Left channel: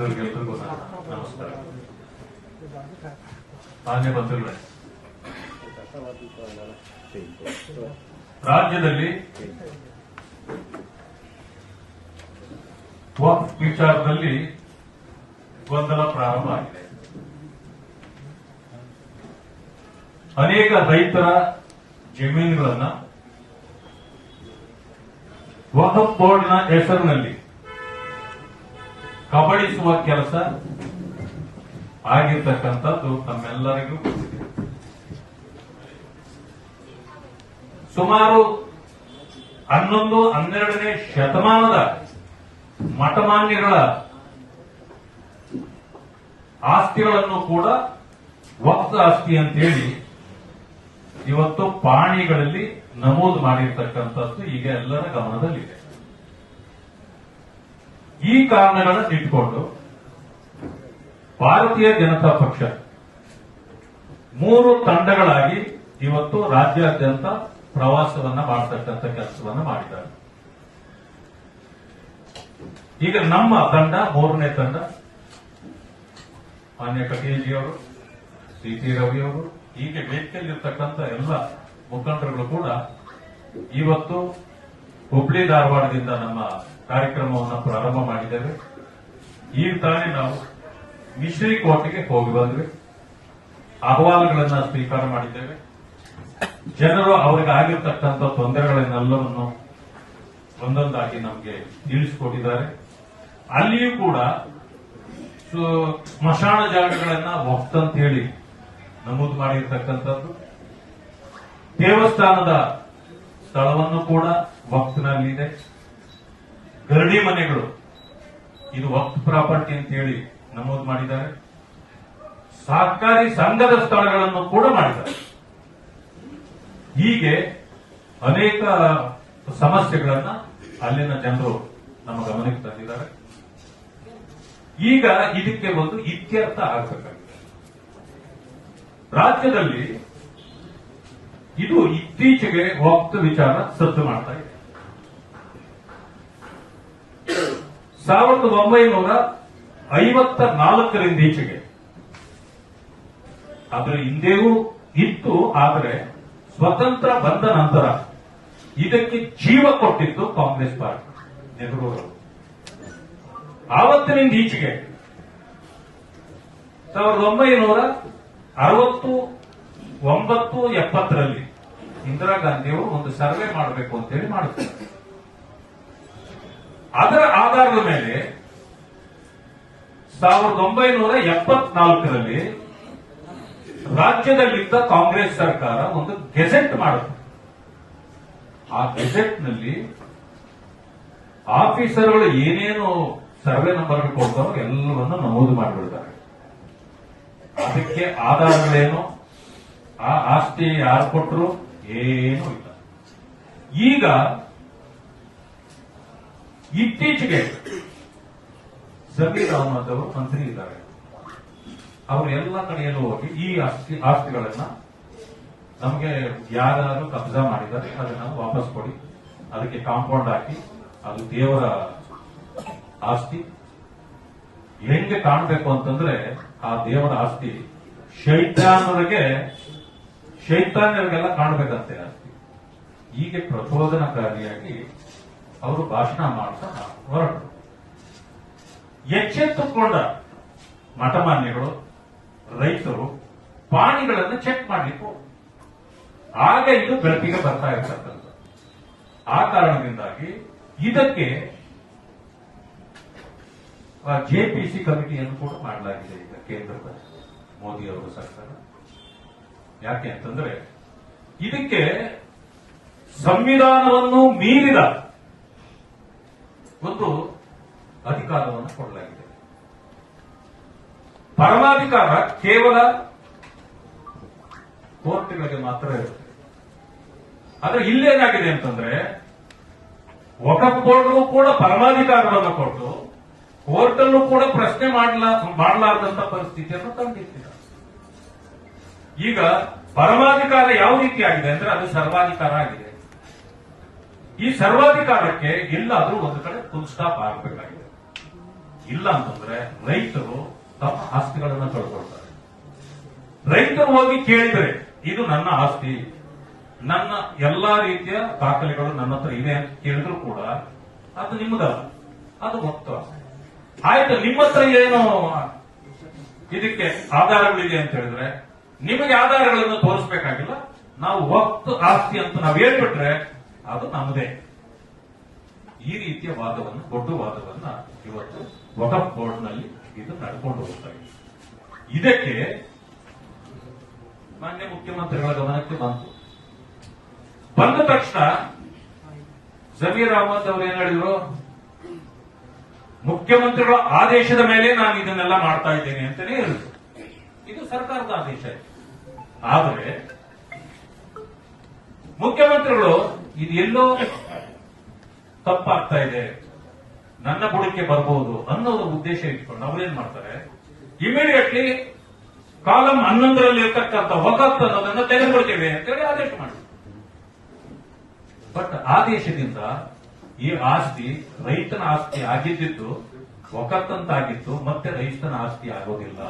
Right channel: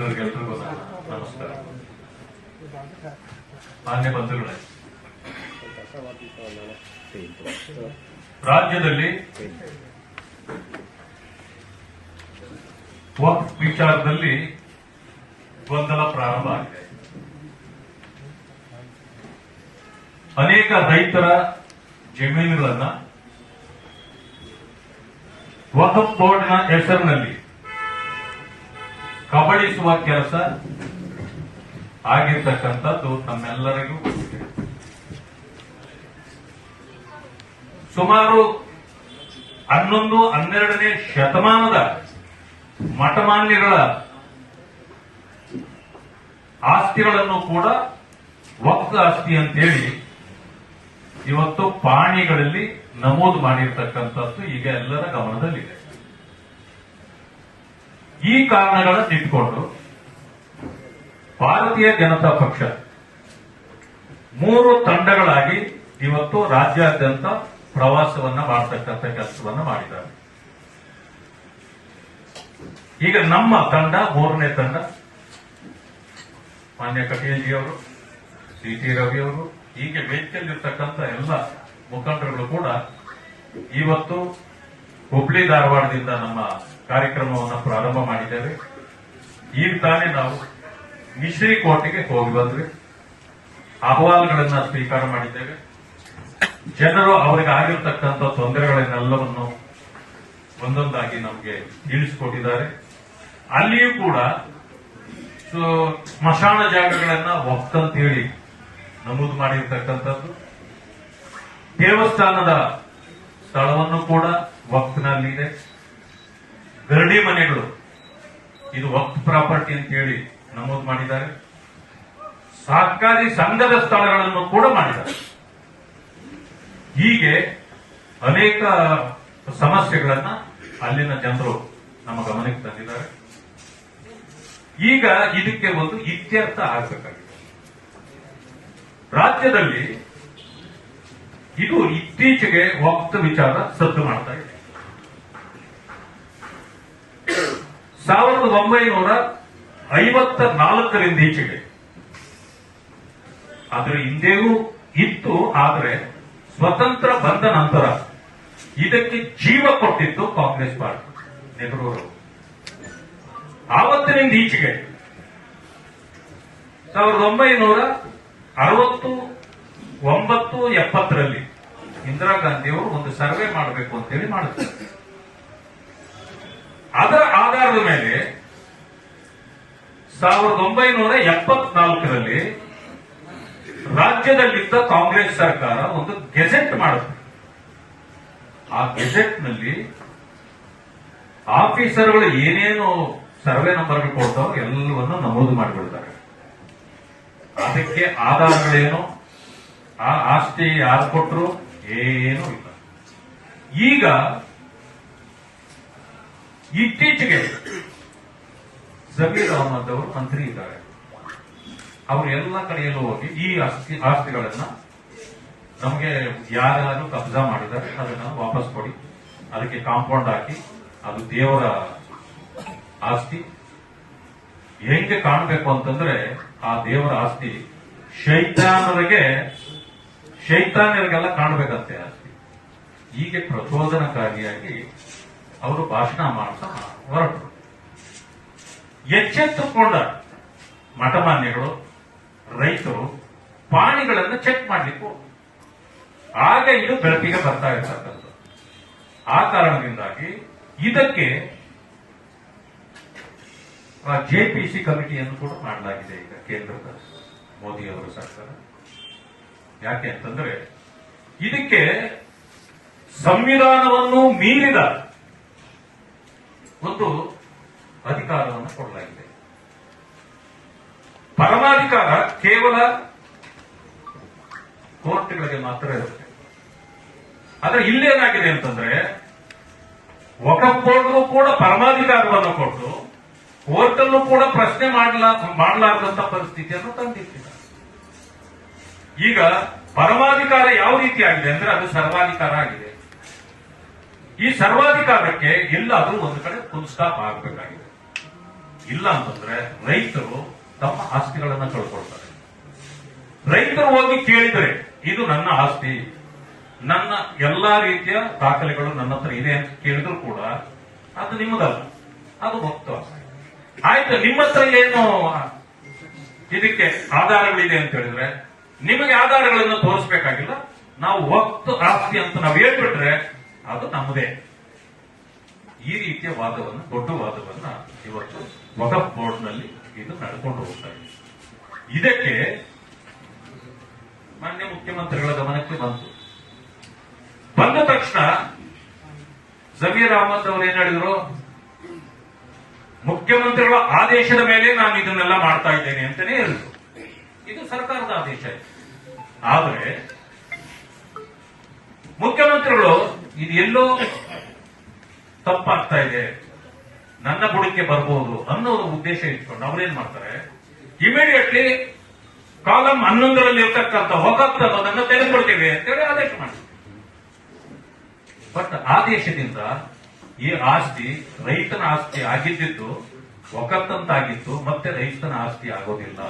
ಮಿತ್ರರಿಗೆಲ್ಲರಿಗೂ ನನ್ನ ನಮಸ್ಕಾರ. ಮಾನ್ಯ ಬಂಧುಗಳೇ ರಾಜ್ಯದಲ್ಲಿ ವಕ್ಫ್ ವಿಚಾರದಲ್ಲಿ ಗೊಂದಲ ಪ್ರಾರಂಭ ಆಗಿದೆ. ಅನೇಕ ರೈತರ ಜಮೀನುಗಳನ್ನ ವಕಫ್ ಬೋರ್ಡ್ನ ಹೆಸರಿನಲ್ಲಿ ಕಬಳಿಸುವ ಕೆಲಸ ಆಗಿರ್ತಕ್ಕಂಥದ್ದು ತಮ್ಮೆಲ್ಲರಿಗೂ. ಸುಮಾರು ಹನ್ನೊಂದು, ಹನ್ನೆರಡನೇ ಶತಮಾನದ ಮಠಮಾನ್ಯಗಳ ಆಸ್ತಿಗಳನ್ನು ಕೂಡ ವಕ್ತ ಆಸ್ತಿ ಅಂತೇಳಿ ಇವತ್ತು ಪಾಣಿಗಳಲ್ಲಿ ನಮೂದು ಮಾಡಿರ್ತಕ್ಕಂಥದ್ದು ಈಗ ಎಲ್ಲರ ಗಮನದಲ್ಲಿದೆ. ಈ ಕಾರಣಗಳನ್ನು ತಿಳ್ಕೊಂಡು ಭಾರತೀಯ ಜನತಾ ಪಕ್ಷ ಮೂರು ತಂಡಗಳಾಗಿ ಇವತ್ತು ರಾಜ್ಯಾದ್ಯಂತ ಪ್ರವಾಸವನ್ನ ಮಾಡತಕ್ಕಂಥ ಕೆಲಸವನ್ನ ಮಾಡಿದ್ದಾರೆ. ಈಗ ನಮ್ಮ ತಂಡ, ಮೂರನೇ ತಂಡ, ಮಾನ್ಯ ಕಟಿಯಜಿಯವರು ಸಿ ಟಿ ರವಿಯವರು ಹೀಗೆ ವೇದಿಕೆಯಲ್ಲಿರ್ತಕ್ಕಂಥ ಎಲ್ಲ ಮುಖಂಡರುಗಳು ಕೂಡ ಇವತ್ತು ಹುಬ್ಳಿ ಧಾರವಾಡದಿಂದ ನಮ್ಮ ಕಾರ್ಯಕ್ರಮವನ್ನು ಪ್ರಾರಂಭ ಮಾಡಿದ್ದೇವೆ. ಈಗ ತಾನೇ ನಾವು ಮಿಶ್ರಿ ಕೋಟೆಗೆ ಹೋಗಿ ಬಂದ್ವಿ. ಅಹವಾಲುಗಳನ್ನ ಸ್ವೀಕಾರ ಮಾಡಿದ್ದೇವೆ. ಜನರು ಅವರಿಗೆ ಆಗಿರ್ತಕ್ಕಂಥ ತೊಂದರೆಗಳನ್ನೆಲ್ಲವನ್ನು ಒಂದೊಂದಾಗಿ ನಮಗೆ ತಿಳಿಸಿಕೊಟ್ಟಿದ್ದಾರೆ. ಅಲ್ಲಿಯೂ ಕೂಡ ಸ್ಮಶಾನ ಜಾಗಗಳನ್ನ ಹೇಳಿ ನಮೂದು ಮಾಡಿರ್ತಕ್ಕಂಥದ್ದು. ದೇವಸ್ಥಾನದ ಸ್ಥಳವನ್ನು ಕೂಡ ವಕ್ತ್ನಲ್ಲಿದೆ ಗರಡಿ ಮನೆಗಳು. ಇದು ವಕ್ಫ್ ಪ್ರಾಪರ್ಟಿ ಅಂತ ಹೇಳಿ ನಮೂದು ಮಾಡಿದ್ದಾರೆ. ಸಹಕಾರಿ ಸಂಘದ ಸ್ಥಳಗಳನ್ನು ಕೂಡ ಮಾಡಿದ್ದಾರೆ. ಹೀಗೆ ಅನೇಕ ಸಮಸ್ಯೆಗಳನ್ನ ಅಲ್ಲಿನ ಜನರು ನಮ್ಮ ಗಮನಕ್ಕೆ ತಂದಿದ್ದಾರೆ. ಈಗ ಇದಕ್ಕೆ ಒಂದು ಇತ್ಯರ್ಥ ಆಗಬೇಕಾಗಿದೆ. ರಾಜ್ಯದಲ್ಲಿ ಇದು ಇತ್ತೀಚೆಗೆ ವಕ್ತ ವಿಚಾರ ಸದ್ದು ಮಾಡ್ತಾ ಇದೆ. ಸಾವಿರದ ಒಂಬೈನೂರ ಐವತ್ತ ನಾಲ್ಕರಿಂದ ಈಚೆಗೆ. ಅದರ ಹಿಂದೆಯೂ ಇತ್ತು, ಆದರೆ ಸ್ವತಂತ್ರ ಬಂದ ನಂತರ ಇದಕ್ಕೆ ಜೀವ ಕೊಟ್ಟಿತ್ತು ಕಾಂಗ್ರೆಸ್ ಪಾರ್ಟಿ ನೆಹರೂರು ಆವತ್ತಿನಿಂದ ಈಚೆಗೆ ಸಾವಿರದ ಒಂಬೈನೂರ ಅರವತ್ತು ಒಂಬತ್ತು ಎಪ್ಪತ್ತರಲ್ಲಿ ಇಂದಿರಾ ಗಾಂಧಿಯವರು ಒಂದು ಸರ್ವೆ ಮಾಡಬೇಕು ಅಂತೇಳಿ ಮಾಡುತ್ತಾರೆ ಮೇಲೆ ಸಾವಿರದ ಒಂಬೈನೂರ ಎಪ್ಪತ್ನಾಲ್ಕರಲ್ಲಿ ರಾಜ್ಯದಲ್ಲಿದ್ದ ಕಾಂಗ್ರೆಸ್ ಸರ್ಕಾರ ಒಂದು ಗೆಜೆಟ್ ಮಾಡುತ್ತೆ ಆ ಗೆಜೆಟ್ನಲ್ಲಿ ಆಫೀಸರ್ಗಳು ಏನೇನು ಸರ್ವೆ ನಂಬರ್ ಕೊಡ್ತಾರೋ ಎಲ್ಲವನ್ನು ನಮೂದು ಮಾಡಿಬಿಡ್ತಾರೆ. ಅದಕ್ಕೆ ಆಧಾರಗಳೇನು? ಆ ಆಸ್ತಿ ಯಾರು ಕೊಟ್ಟರು ಏನೂ ಇಲ್ಲ. ಈಗ ಇತ್ತೀಚೆಗೆ ಜಮೀರ್ ಅಹಮದ್ ಅವರು ಮಂತ್ರಿ ಇದ್ದಾರೆ. ಅವರು ಎಲ್ಲ ಕಡೆಯಲ್ಲೂ ಹೋಗಿ ಈ ಆಸ್ತಿ, ಆಸ್ತಿಗಳನ್ನ ನಮಗೆ ಯಾರು ಕಬ್ಜಾ ಮಾಡಿದ್ದಾರೆ, ಅದನ್ನ ವಾಪಸ್ ಕೊಡಿ. ಅದಕ್ಕೆ ಕಾಂಪೌಂಡ್ ಹಾಕಿ, ಅದು ದೇವರ ಆಸ್ತಿ. ಹೆಂಗೆ ಕಾಣಬೇಕು ಅಂತಂದ್ರೆ ಆ ದೇವರ ಆಸ್ತಿ ಶೈತಾನರಿಗೆ ಶೈತಾನ್ಯರಿಗೆಲ್ಲ ಕಾಣಬೇಕಂತೆ ಆಸ್ತಿ. ಹೀಗೆ ಪ್ರಚೋದನಕಾರಿಯಾಗಿ ಅವರು ಭಾಷಣ ಮಾಡ್ತಾ ಹೊರಟರು. ಎಚ್ಚೆತ್ತುಕೊಂಡ ಮಠಮಾನ್ಯಗಳು, ರೈತರು ಪಾಣಿಗಳನ್ನು ಚೆಕ್ ಮಾಡಲಿಕ್ಕೆ. ಆಗ ಇದು ಬೆಳಕಿಗೆ ಬರ್ತಾ ಇರ್ತಕ್ಕಂಥದ್ದು. ಆ ಕಾರಣದಿಂದಾಗಿ ಇದಕ್ಕೆ ಜೆಪಿಸಿ ಕಮಿಟಿಯನ್ನು ಕೂಡ ಮಾಡಲಾಗಿದೆ ಈಗ ಕೇಂದ್ರದ ಮೋದಿ ಅವರ ಸರ್ಕಾರ. ಯಾಕೆ ಅಂತಂದ್ರೆ ಇದಕ್ಕೆ ಸಂವಿಧಾನವನ್ನು ಮೀರಿದ ಒಂದು ಅಧಿಕಾರವನ್ನು ಕೊಡಲಾಗಿದೆ. ಪರಮಾಧಿಕಾರ ಕೇವಲ ಕೋರ್ಟ್ಗಳಿಗೆ ಮಾತ್ರ ಇರುತ್ತೆ. ಆದ್ರೆ ಇಲ್ಲೇನಾಗಿದೆ ಅಂತಂದ್ರೆ, ವಕಫ್ ಕೂಡ ಪರಮಾಧಿಕಾರವನ್ನು ಕೊಟ್ಟು ಕೋರ್ಟಲ್ಲೂ ಕೂಡ ಪ್ರಶ್ನೆ ಮಾಡಲಾ, ಮಾಡಲಾರದಂತ ಪರಿಸ್ಥಿತಿಯನ್ನು ತಂದಿಟ್ಟಿಲ್ಲ ಈಗ ಪರಮಾಧಿಕಾರ ಯಾವ ರೀತಿ ಆಗಿದೆ ಅಂದ್ರೆ ಅದು ಸರ್ವಾಧಿಕಾರ ಆಗಿದೆ. ಈ ಸರ್ವಾಧಿಕಾರಕ್ಕೆ ಎಲ್ಲಾದ್ರೂ ಒಂದು ಕಡೆ ಫುಲ್ ಆಗಬೇಕಾಗಿದೆ. ಇಲ್ಲ ಅಂತಂದ್ರೆ ರೈತರು ತಮ್ಮ ಆಸ್ತಿಗಳನ್ನ ಕಳ್ಕೊಳ್ತಾರೆ. ರೈತರು ಹೋಗಿ ಕೇಳಿದ್ರೆ, ಇದು ನನ್ನ ಆಸ್ತಿ, ನನ್ನ ಎಲ್ಲಾ ರೀತಿಯ ದಾಖಲೆಗಳು ನನ್ನ ಹತ್ರ ಇದೆ ಅಂತ ಕೇಳಿದ್ರು ಕೂಡ ಅದು ನಿಮ್ಮದಲ್ಲ ಅದು ಮೊತ್ತ ಆಯ್ತು, ನಿಮ್ಮ ಹತ್ರ ಏನು ಇದಕ್ಕೆ ಆಧಾರಗಳಿದೆ ಅಂತ ಹೇಳಿದ್ರೆ, ನಿಮಗೆ ಆಧಾರಗಳನ್ನು ತೋರಿಸಬೇಕಾಗಿಲ್ಲ, ನಾವು ವಕ್ತ ಆಸ್ತಿ ಅಂತ ನಾವು ಹೇಳ್ಬಿಟ್ರೆ ಅದು ನಮ್ಮದೇ. ಈ ರೀತಿಯ ವಾದವನ್ನು, ದೊಡ್ಡ ವಾದವನ್ನ ಇವತ್ತು ವಕಫ್ ಬೋರ್ಡ್ನಲ್ಲಿ ಇದು ನಡ್ಕೊಂಡು ಹೋಗ್ತಾ ಇದೆ. ಇದಕ್ಕೆ ಮಾನ್ಯ ಮುಖ್ಯಮಂತ್ರಿಗಳ ಗಮನಕ್ಕೆ ಬಂತು. ಬಂದ ತಕ್ಷಣ ಜಮೀರ್ ಅಹಮದ್ ಅವರು ಏನ್ ಹೇಳಿದ್ರು? ಮುಖ್ಯಮಂತ್ರಿಗಳ ಆದೇಶದ ಮೇಲೆ ನಾನು ಇದನ್ನೆಲ್ಲ ಮಾಡ್ತಾ ಇದ್ದೇನೆ ಅಂತಾನೆ ಹೇಳಿದ್ರು. ಇದು ಸರ್ಕಾರದ ಆದೇಶ ಆದರೆ ಮುಖ್ಯಮಂತ್ರಿಗಳು ಇದು ಎಲ್ಲೋ ತಪ್ಪಾಗ್ತಾ ಇದೆ. ನನ್ನ ಬುಡಕ್ಕೆ ಬರಬಹುದು ಅನ್ನೋ ಒಂದು ಉದ್ದೇಶ ಇಟ್ಕೊಂಡು ಅವರೇನ್ ಮಾಡ್ತಾರೆ? ಇಮಿಡಿಯೇಟ್ಲಿ ಕಾಲಂ ಹನ್ನೊಂದರಲ್ಲಿ ಇರ್ತಕ್ಕಂಥ ವಕಫ್ ಅನ್ನೋದನ್ನ ತೆಗೆದುಕೊಳ್ತೇವೆ ಅಂತೇಳಿ ಆದೇಶ ಮಾಡಿ ಬಟ್ ಆದೇಶದಿಂದ ಈ ಆಸ್ತಿ ರೈತನ ಆಸ್ತಿ ಆಗಿದ್ದಿದ್ದು ಒಕತ್ತಂತಾಗಿತ್ತು ಮತ್ತೆ ರೈತನ ಆಸ್ತಿ ಆಗೋದಿಲ್ಲ.